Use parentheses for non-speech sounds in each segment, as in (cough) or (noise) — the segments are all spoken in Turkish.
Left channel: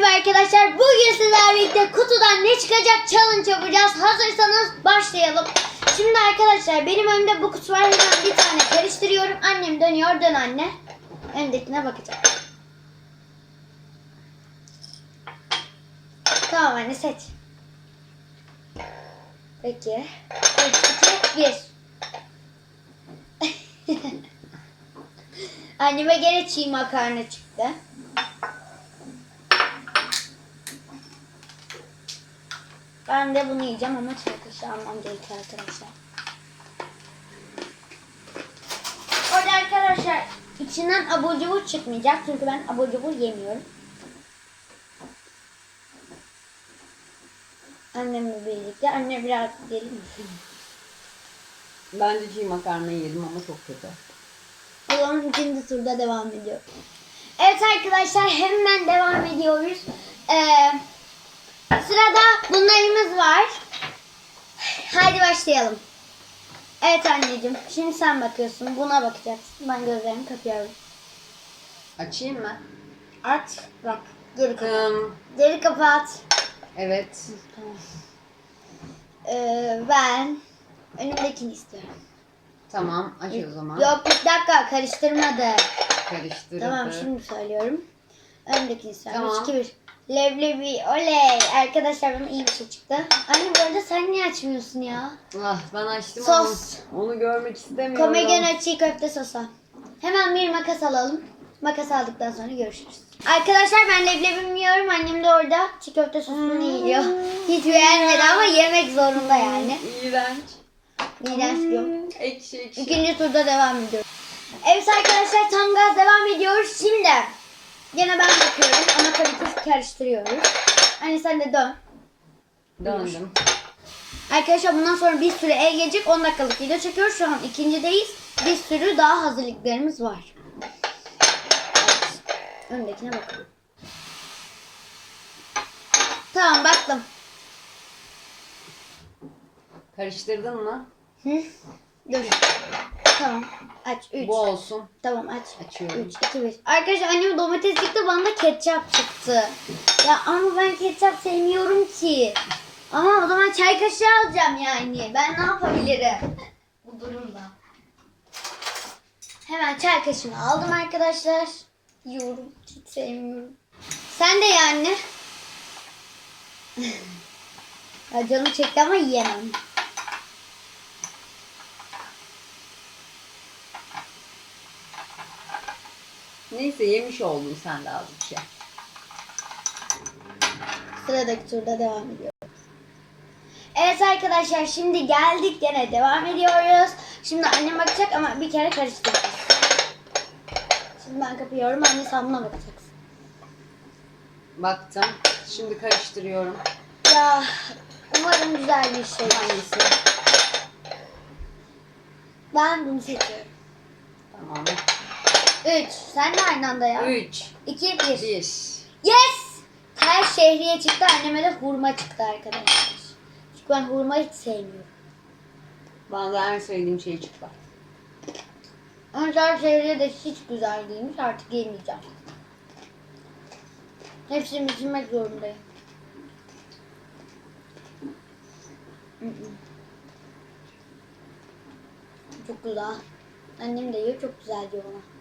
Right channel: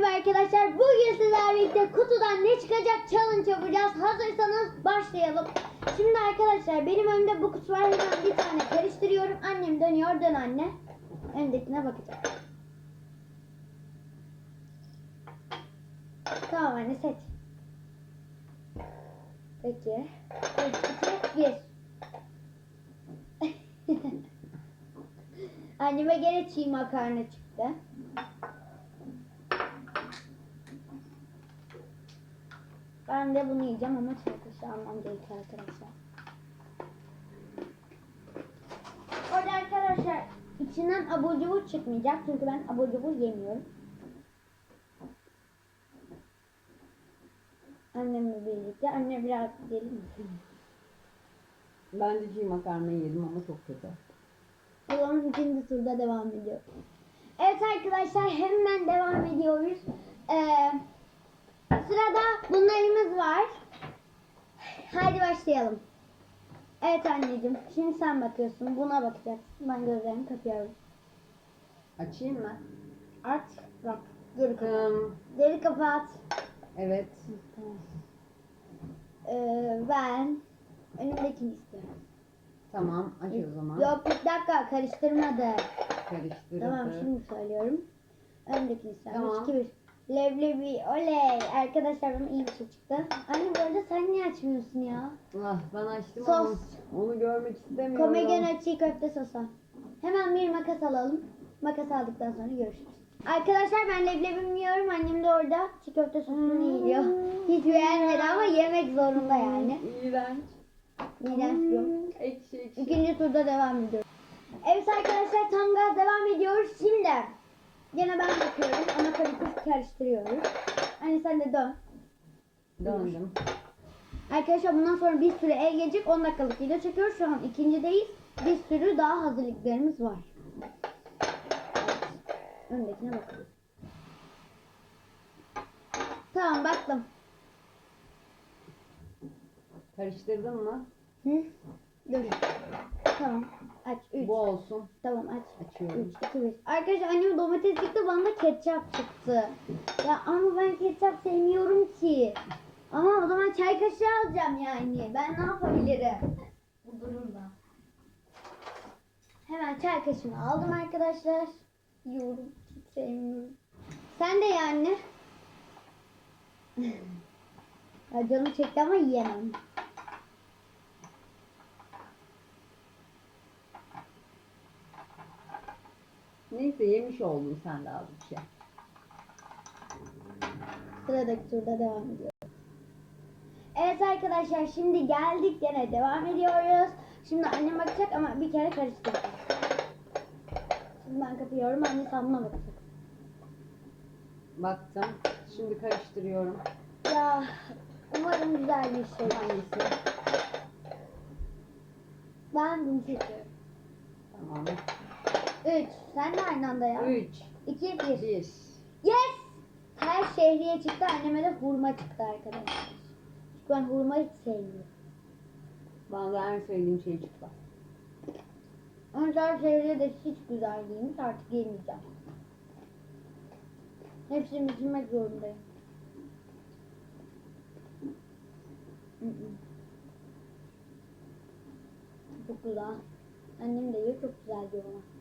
merhaba arkadaşlar. Bugün sizlerle birlikte kutudan ne çıkacak challenge yapacağız. Hazırsanız başlayalım. Şimdi arkadaşlar benim önümde bu kutu var. Hemen bir tane karıştırıyorum. Annem dönüyor. Dön anne. Öndekine bakacak. Tamam anne seç. Peki. 3, 2, 1. Anneme gene çiğ makarna çıktı. Ben de bunu yiyeceğim ama çiğ kaşığı almam gerekiyor arkadaşlar. Orada arkadaşlar içinden abur cubur çıkmayacak çünkü ben abur cubur yemiyorum. Annemle birlikte. Anne biraz gelir misin? Ben de çiğ makarna yedim ama çok kötü. O zaman ikinci turda devam ediyor. Evet arkadaşlar hemen devam ediyoruz. Ee, sırada bunlarımız var. Haydi başlayalım. Evet anneciğim şimdi sen bakıyorsun buna bakacaksın. Ben gözlerimi kapıyorum. Açayım mı? Aç bak geri kapat. Hmm, Geri kapat. evet. Tamam. Ee, ben önümdekini istiyorum. Tamam aç o zaman. Yok bir dakika karıştırmadı. Karıştırıp. Tamam şimdi söylüyorum. Öndekini söylüyorum. Tamam. 2 1. Leblebi oley. Arkadaşlar bana iyi bir şey çıktı. Anne bu arada sen niye açmıyorsun ya? Ah ben açtım Sos. ama onu görmek istemiyorum. Komegen çiğ köfte sosu. Hemen bir makas alalım. Makas aldıktan sonra görüşürüz. Arkadaşlar ben leblebimi yiyorum. Annem de orada çiğ köfte sosunu yiyor. Hiç beğenmedi ama yemek zorunda yani. İğrenç. İğrenç diyor. Hmm, ekşi ekşi. İkinci turda devam ediyoruz. Evet arkadaşlar tam gaz devam ediyoruz. Şimdi yine ben bakıyorum ama tabii ki karıştırıyoruz. Hani sen de dön. Döndüm. Arkadaşlar bundan sonra bir sürü el gelecek 10 dakikalık video çekiyoruz. Şu an ikincideyiz. Bir sürü daha hazırlıklarımız var. Evet. Öndekine bakalım. Tamam baktım. Karıştırdın mı? Hı? Dur. Tamam. Aç. 3. Bu olsun. Tamam aç. Açıyorum. 3, 2, 1. Arkadaşlar annem domates çıktı bana da ketçap çıktı. Ya ama ben ketçap sevmiyorum ki. Ama o zaman çay kaşığı alacağım yani. Ben ne yapabilirim bu durumda? Hemen çay kaşığını aldım arkadaşlar. Yiyorum. Hiç sevmiyorum. Sen de yani. (laughs) ya canım çekti ama yiyemem. Neyse yemiş oldun sen de az bir şey. Sıradaki turda devam ediyoruz. Evet arkadaşlar şimdi geldik gene devam ediyoruz. Şimdi annem bakacak ama bir kere karıştıracağız. Şimdi ben kapıyorum anne sen buna bakacaksın. Baktım. Şimdi karıştırıyorum. Ya umarım güzel bir şey. Hangisi? Ben bunu seçiyorum. Tamam. 3. Sen de aynı anda ya. 3, 2, 1. 1. Yes! Her şehriye çıktı anneme de hurma çıktı arkadaşlar. Çünkü ben hurma hiç sevmiyorum. Bana da en sevdiğim şey çıktı. Her şehriye de hiç güzel değilmiş artık yemeyeceğim. Hepsini bitirmek zorundayım. Çok güzel. Annem de yiyor çok güzel diyor ona.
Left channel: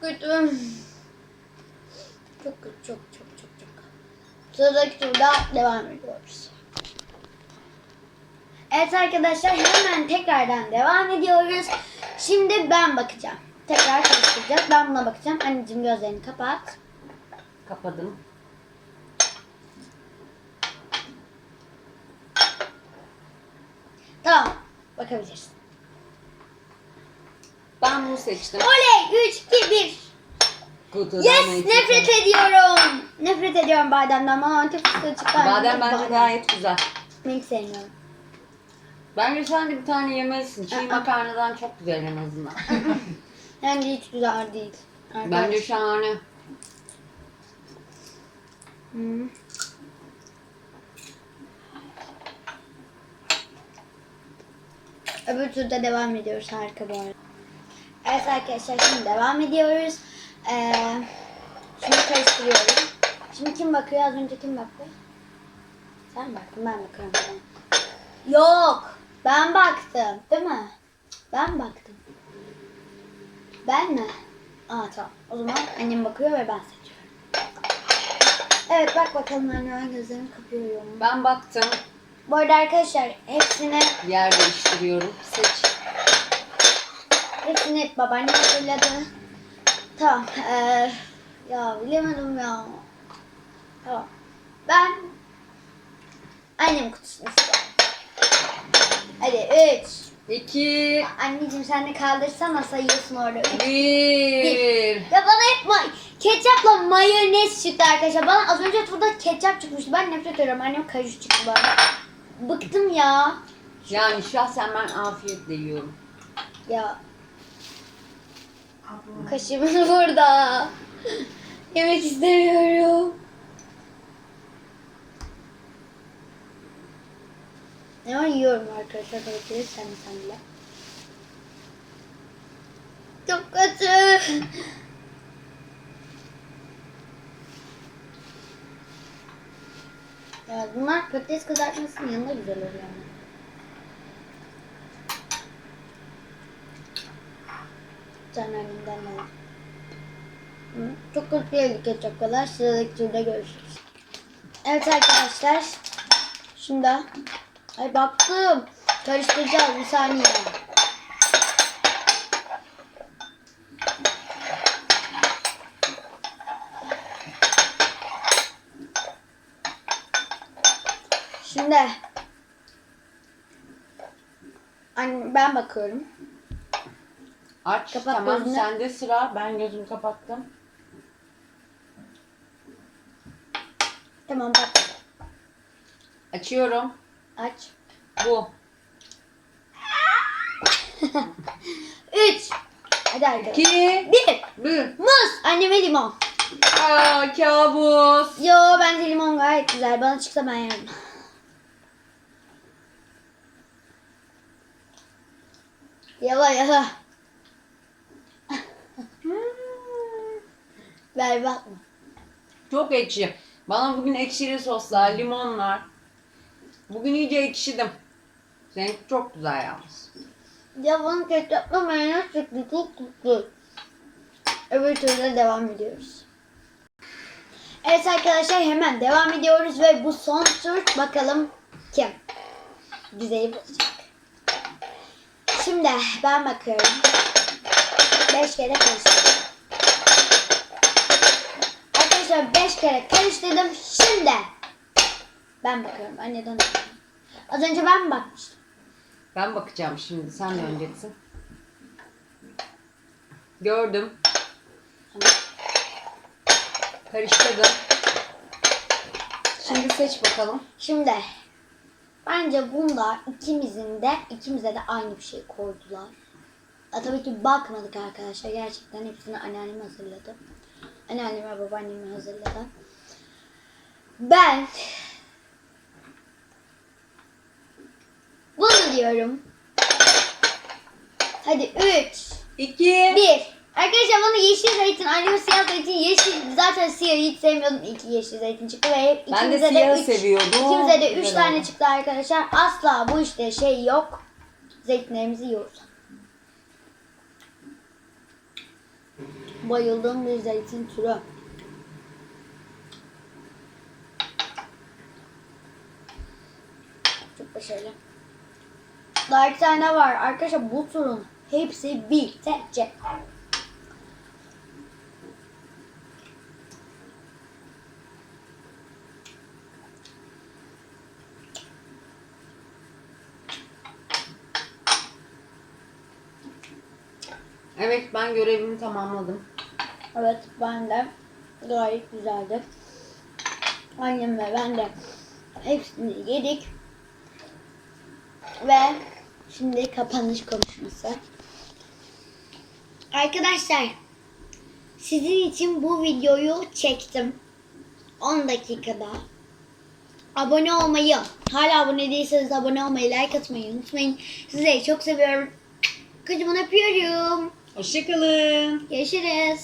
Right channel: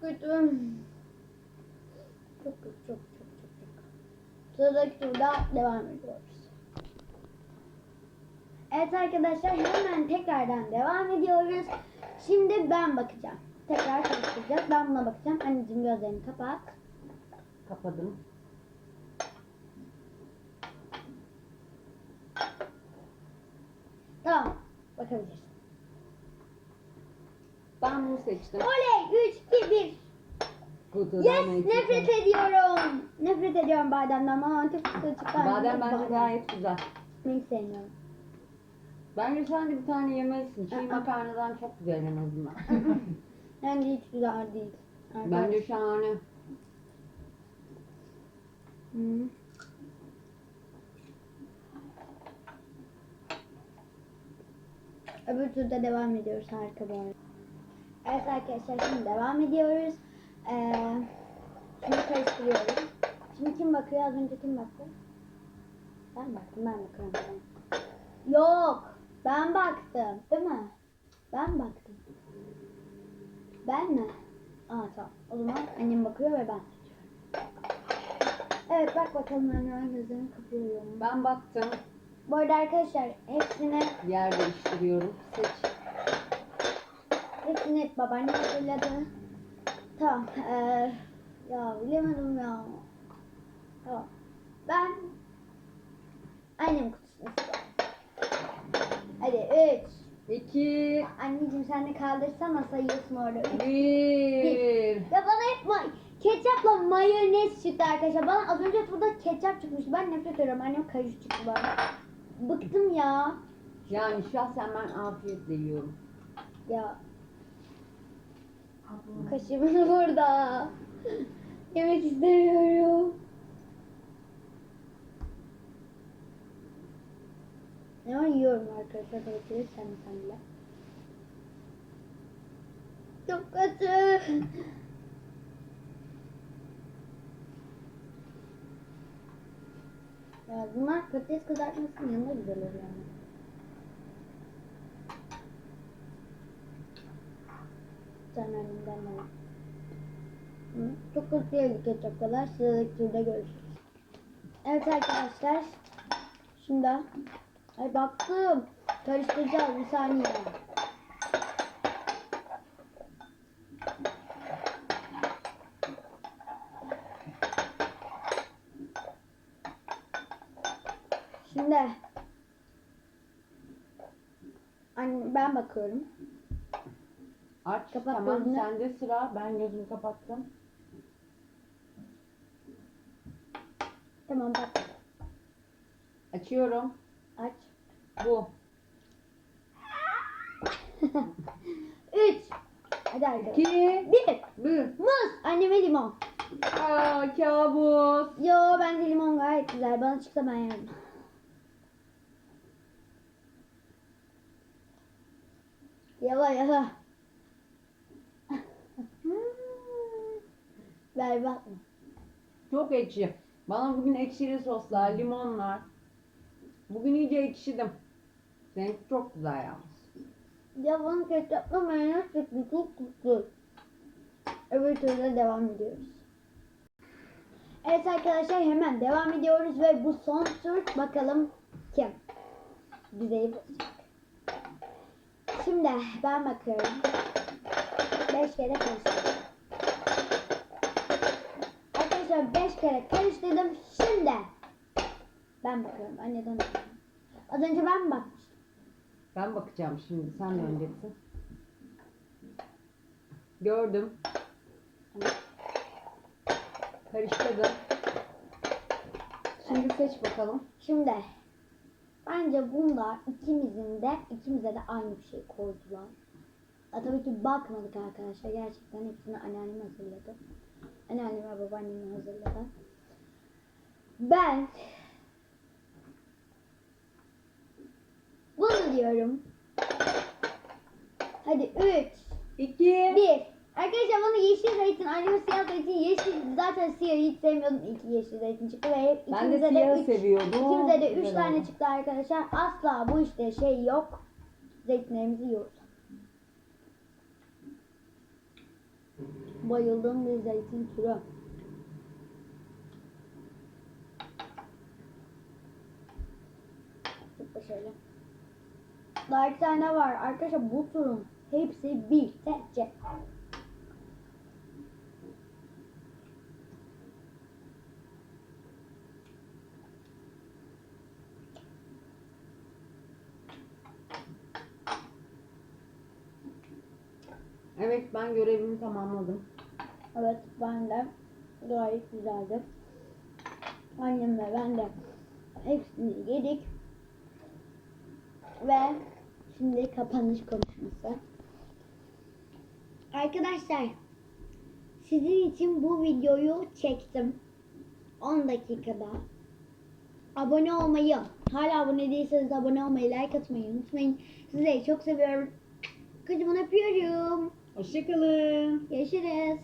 Kötü. Çok kötü çok çok çok çok. Sıradaki turda devam ediyoruz. Evet arkadaşlar hemen tekrardan devam ediyoruz. Şimdi ben bakacağım. Tekrar karıştıracağız. Ben buna bakacağım. Anneciğim gözlerini kapat. Kapadım. Tamam. Bakabilirsin. Ben bunu seçtim. Oley! 3, 2, 1. Kutudan Yes! ne Nefret çıktı? ediyorum. Nefret ediyorum bademden. Ama antep fıstığı çıktı. Badem bence gayet güzel. Ben hiç sevmiyorum. Bence sen de bir tane yemelisin. Çiğ Aa. makarnadan çok güzel en azından. (laughs) Bence hiç güzel değil. Bence şahane. Hı. Öbür turda devam ediyoruz. Harika bu arada. Evet arkadaşlar şimdi devam ediyoruz. Ee, şimdi karıştırıyorum. Şimdi kim bakıyor? Az önce kim baktı? Sen baktın ben bakıyorum. Tamam. Yok. Ben baktım. Değil mi? Ben baktım. Ben mi? Aa tamam. O zaman annem bakıyor ve ben seçiyorum. Evet bak bakalım anne ben gözlerimi kapıyorum. Ben baktım. Bu arada arkadaşlar hepsini Yer değiştiriyorum. Seç. Hepsini babaannem hazırladı. Tamam. Ee, ya bilemedim ya. Tamam. Ben annem kutusunu istiyorum. Hadi 3. İki. Anneciğim sen de kaldırsana sayıyorsun orada. Üç. Bir. Ya bana hep ma- ketçapla mayonez çıktı arkadaşlar. Bana az önce turda ketçap çıkmıştı. Ben nefret ediyorum. Annem kaju çıktı bana. Bıktım ya. Yani şahsen ben afiyetle yiyorum. Ya. Kaşığımız burada. Yemek istemiyorum. Ama yiyorum arkadaşlar. De sen sen bile. Çok kötü. Ya bunlar patates kızartmasının yanında güzel oluyor. ama. Ne? Hı, Çok kötü değildi ketçap kadar. Sıradaki turda görüşürüz. Evet arkadaşlar. Şimdi ay baktım. Karıştıracağız bir saniye. Şimdi ben bakıyorum. Aç. Kapat tamam gözünü. sende sıra. Ben gözümü kapattım. Tamam bak. Açıyorum. Aç. Bu. (laughs) Üç. Hadi arkadaşlar. İki. Bir. Bir. Muz. Anneme limon. Aa kabus. Yo bence limon gayet güzel. Bana çıksa ben yerim. (laughs) Yala yala. Berbat mı? Çok ekşi. Bana bugün ekşili soslar, limonlar. Bugün iyice ekşidim. Seninki çok güzel yalnız. Ya bana ketçapla mayonez çıktı. Çok kötü. Öbür türlü devam ediyoruz. Evet arkadaşlar hemen devam ediyoruz ve bu son tur bakalım kim güzeli bulacak. Şimdi ben bakıyorum. Beş kere karıştırdım. Arkadaşlar beş kere karıştırdım. Şimdi ben bakıyorum. Anneden. Az önce ben mi bakmıştım? Ben bakacağım şimdi. Sen döneceksin. Gördüm. Karıştırdım. Şimdi seç bakalım. Şimdi bence bunda ikimizin de ikimize de aynı bir şey koydular. Ya, tabii ki bakmadık arkadaşlar. Gerçekten hepsini anneannem hazırladı. Anneannem ve babaannem hazırladı. Ben bunu diyorum. Hadi 3 İki. 1 Arkadaşlar bana yeşil zeytin, anneme siyah zeytin, yeşil zaten siyahı hiç sevmiyordum. İki yeşil zeytin çıktı ve hep Ben de ikimize siyahı üç- seviyordum. İkimize de 3 Güzel tane oldu. çıktı arkadaşlar. Asla bu işte şey yok. Zeytinlerimizi yiyoruz. Bayıldığım bir zeytin türü. Çok başarılı. Daha iki tane var. Arkadaşlar bu turun hepsi bitecek. Evet ben görevimi tamamladım. Evet ben de gayet güzeldi. Annem ve ben de hepsini yedik. Ve şimdi kapanış konuşması. Arkadaşlar sizin için bu videoyu çektim. 10 dakikada. Abone olmayı, hala abone değilseniz abone olmayı, like atmayı unutmayın. Sizleri çok seviyorum. Kocaman öpüyorum. Hoşçakalın. Görüşürüz.